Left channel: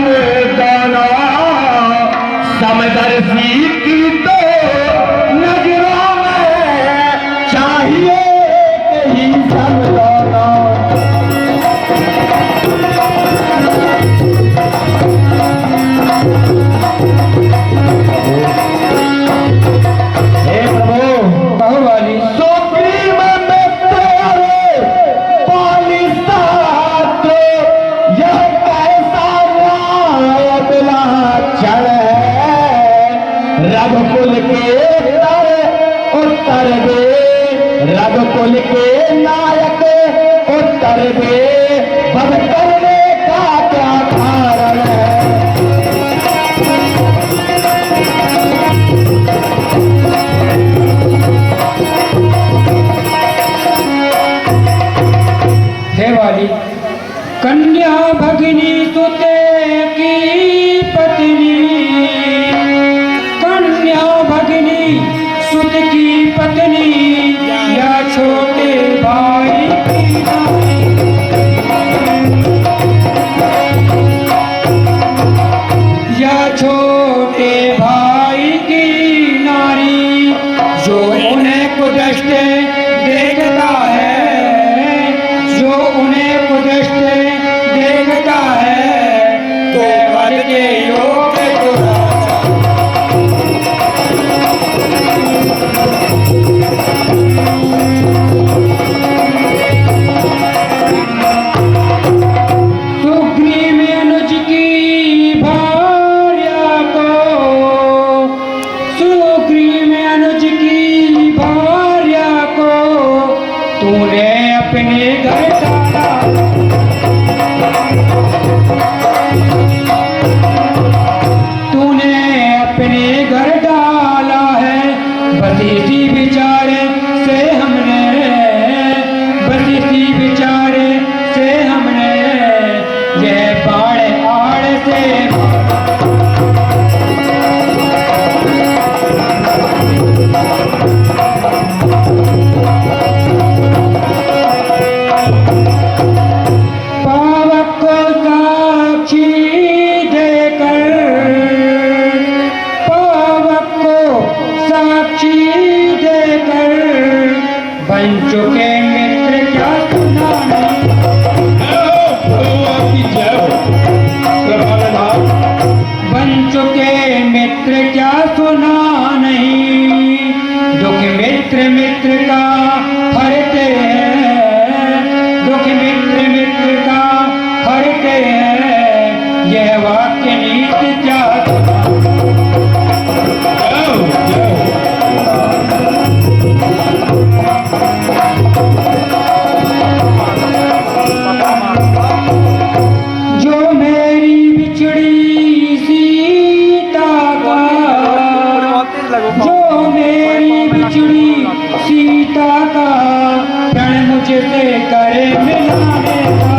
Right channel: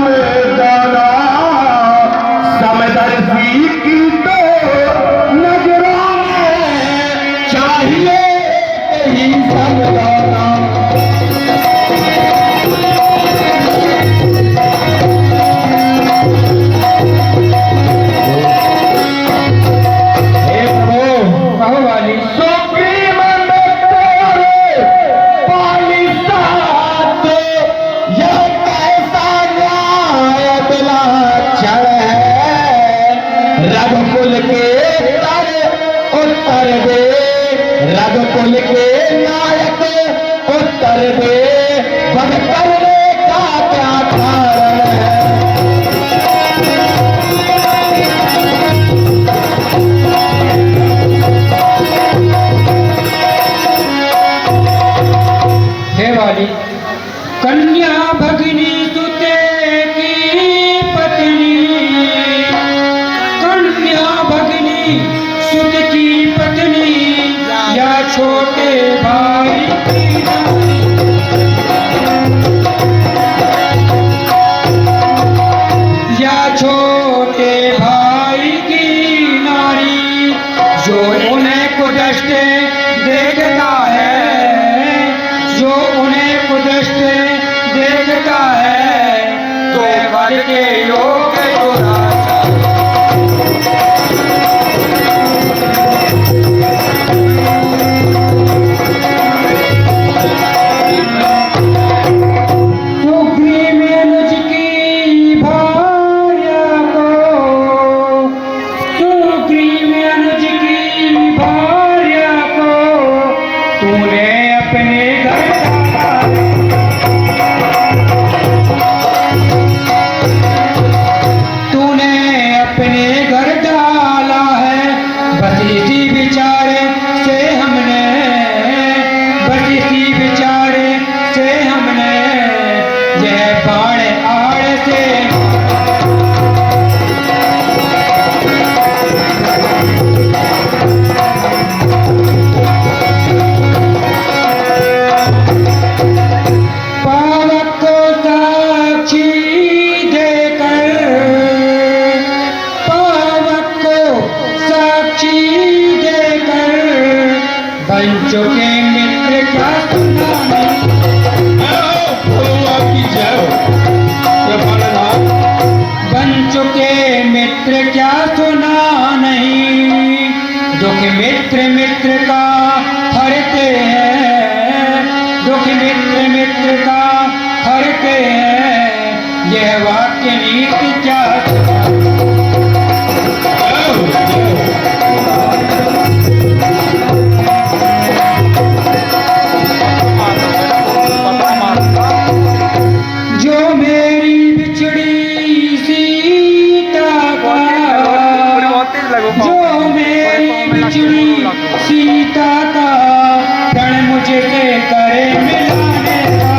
में जाना समदर्शी की तो नजरों में चाहिए कहीं समझाना। रघुकुल के उत्तर दे, रघुकुल के नायक उत्तर दे, बद करने का क्या कारण है। हे वाली कन्या भगिनी सुते की पत्नी, सुत की पत्नी या छोटे भाई की या छोटे भाई की नारी, जो उन्हें कुदृष्ट देखता है, जो उन्हें कुदृष्ट देखता है, तो करके योग्य जो मेरी बिछड़ी सीता का प्रण मुझे करे मिलाने का,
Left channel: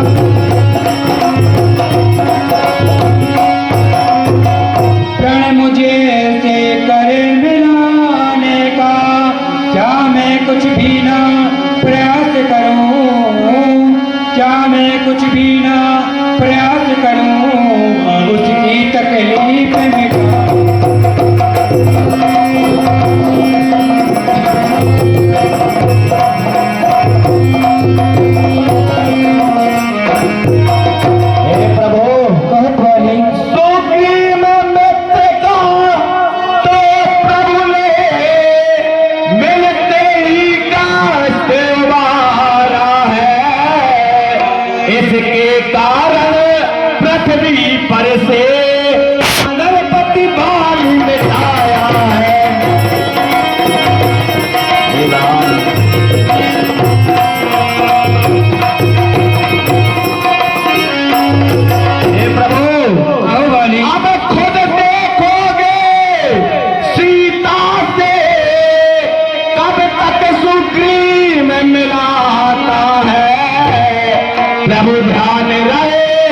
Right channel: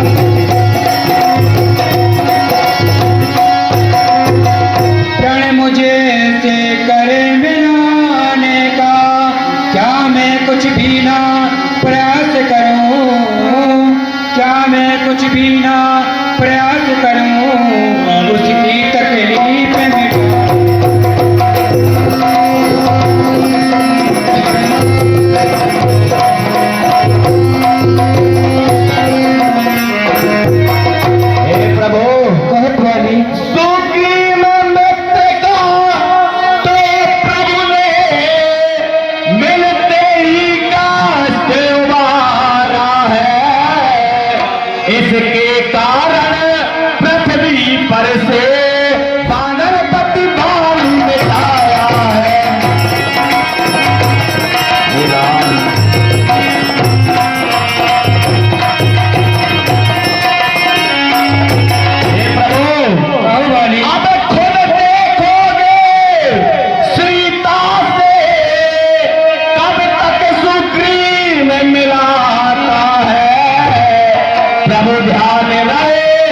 प्रण मुझे करे मिलाने का, क्या मैं कुछ भी ना प्रयास करूं, क्या मैं कुछ भी ना प्रयास करूं, उसकी तकलीफ मिटा। इसके कारण पृथ्वी पर से मानवपति बाल मिटाया है। अब खुद देखोगे सीता से कब तक सुग्रीव मिलाता है। प्रभु ध्यान रहे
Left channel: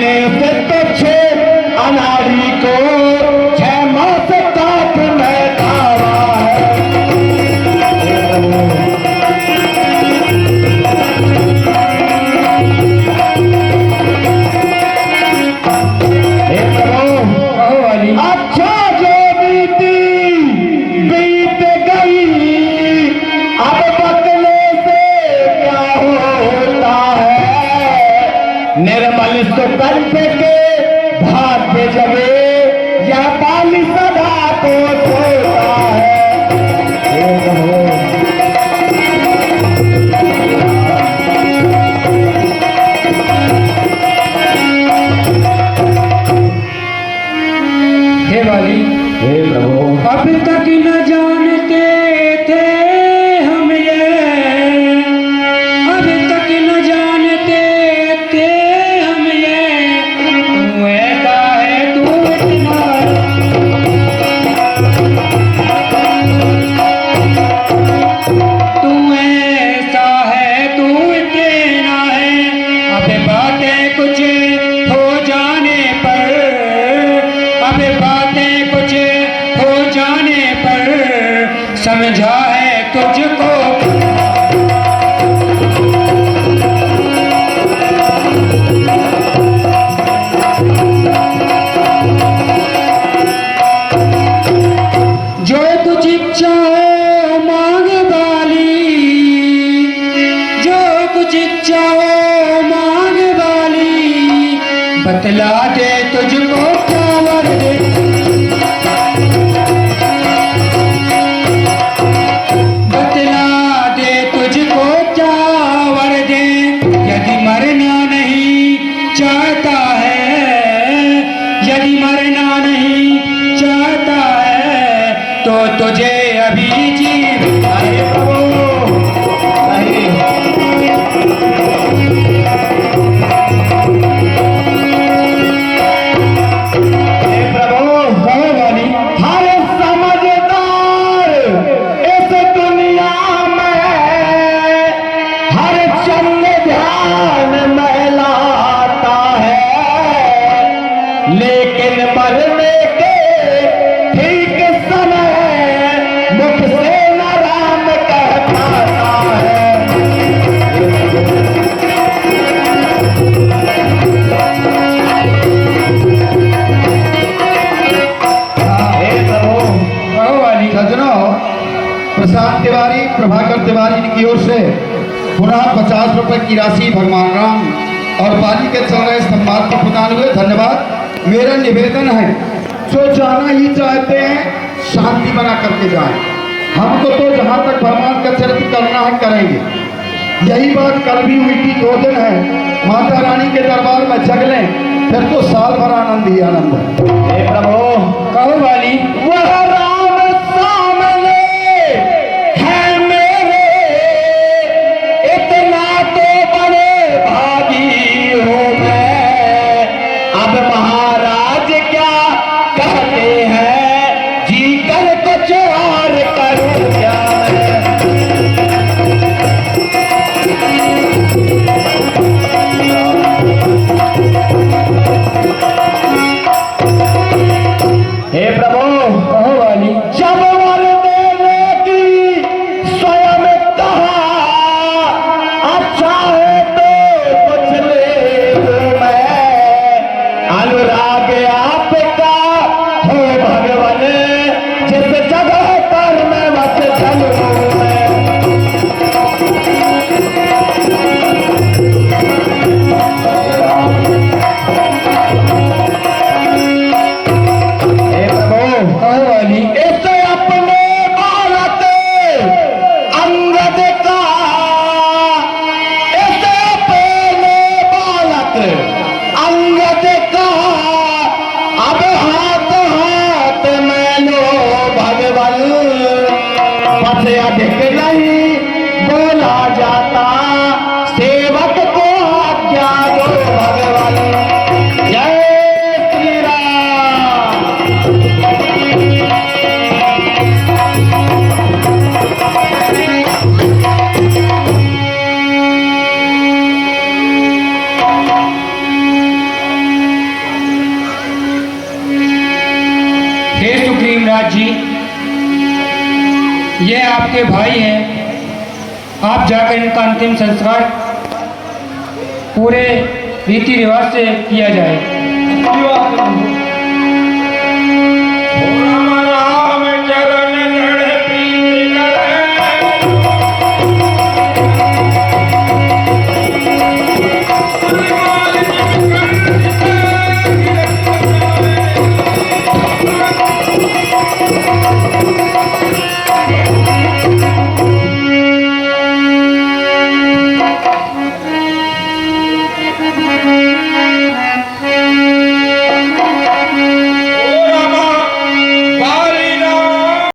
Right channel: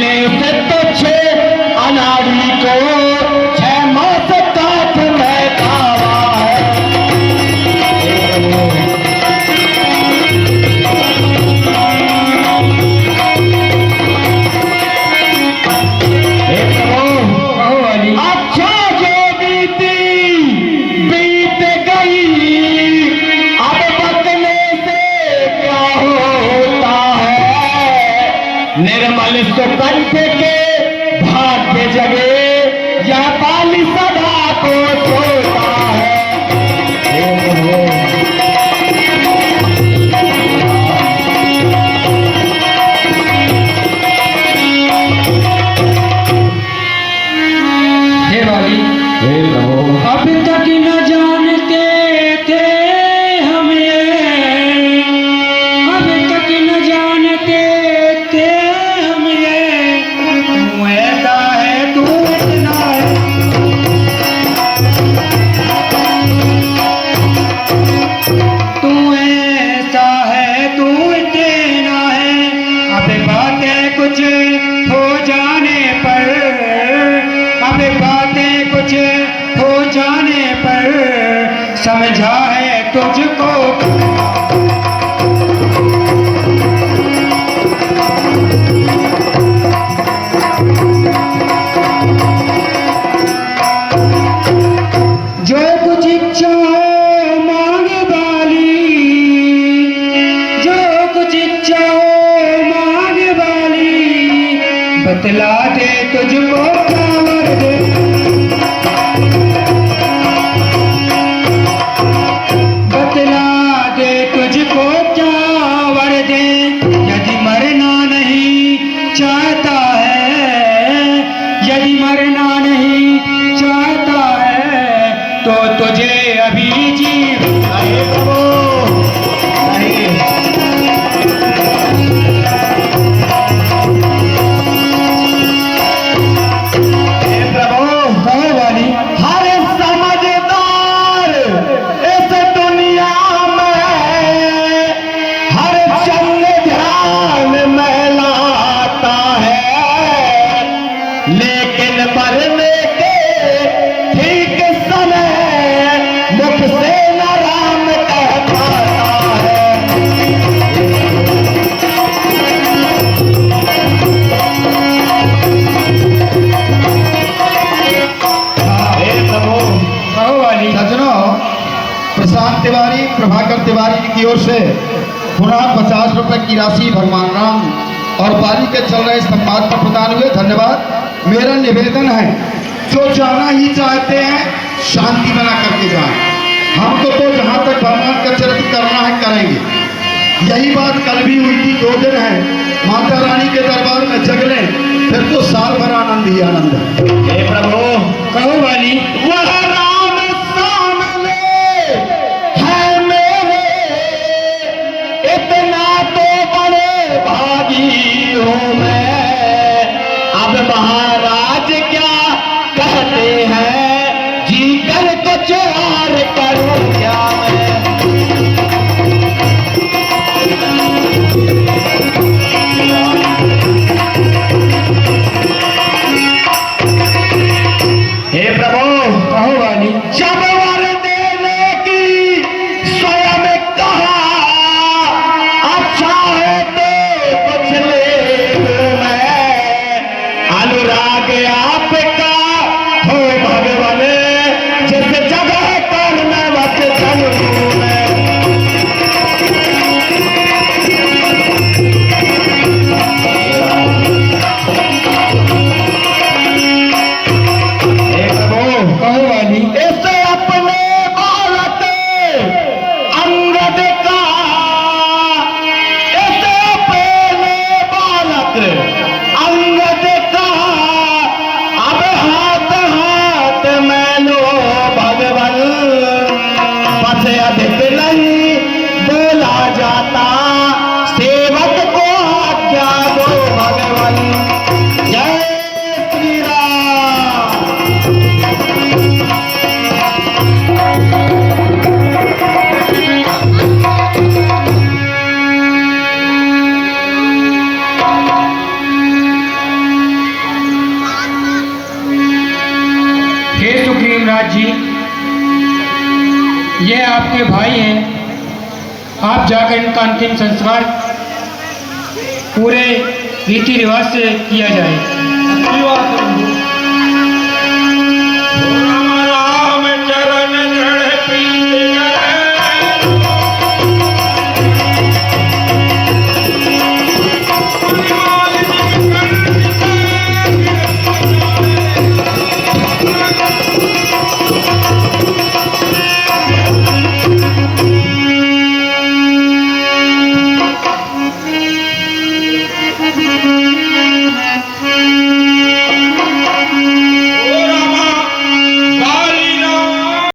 मैंने उसे तुझ अनाड़ी को 6 मास काट में खावा है। कहो वाली। अच्छा जो बीत गई, अब बदले से क्या होता है। निर्मल सुकंठ के भाग्य जगे, यह बाली सदा को सोता है। हे वाली, अब तक न जानते थे हम ये, अब तक न जानते थे हम ये, तू ऐसा है तू इतना है, तू ऐसा है तू इतना है। अब बातें कुछ हो जाने पर, अब बातें कुछ हो जाने पर समझा है तुझको। जो कुछ इच्छा हो मांग वाली, जो कुछ इच्छा हो मांग वाली, बतला दे तुझको क्या वर दे। बतला दे तुझको क्या वर दे। यदि मरना नहीं चाहता है, यदि मरना नहीं चाहता है, तो तुझे अभी जीवन आए तो हर समझदार इस दुनिया में हर चंद ध्यान में लाता है, लेकिन मरने के ठीक समय मुख से न राम कह पाता है। कहो वाली। सज्जनों, प्रशांत तिवारी, प्रभाकर तिवारी की ओर से पुनः 50 रुपए की राशि भगवान राम और पाली के चल रहे सम्मान को प्रदान हुए। धन्यवाद। मेरा निवेदन है, जो जाना ही चाहते हैं शांति बना करके जाएं। हमको तो जहाँ तक भगवान का चरित्र करना है करेंगे। यही बात कल भी हुई थी। 2 दिन है माता रानी के दरबार में जग लें, फिर तो साल भर आनंद ही आनंद है। हे प्रभु, कहो वाली। वह राम सामने है मेरे, इतना तो बड़े भागी हूँ मैं। अब महाराज क्या कहते हैं, जी कर कुछ और करूँ क्या मैं। हे प्रभु, कहो वाली। जब वर देने की स्वयं कहा, अच्छा है तो कुछ ले लूं मैं। अनुराग आपका हो भगवान, जिस जगह पर मैं अब जाकर इनका अंतिम संस्कार पूरे रीति रिवाज से किया जाए।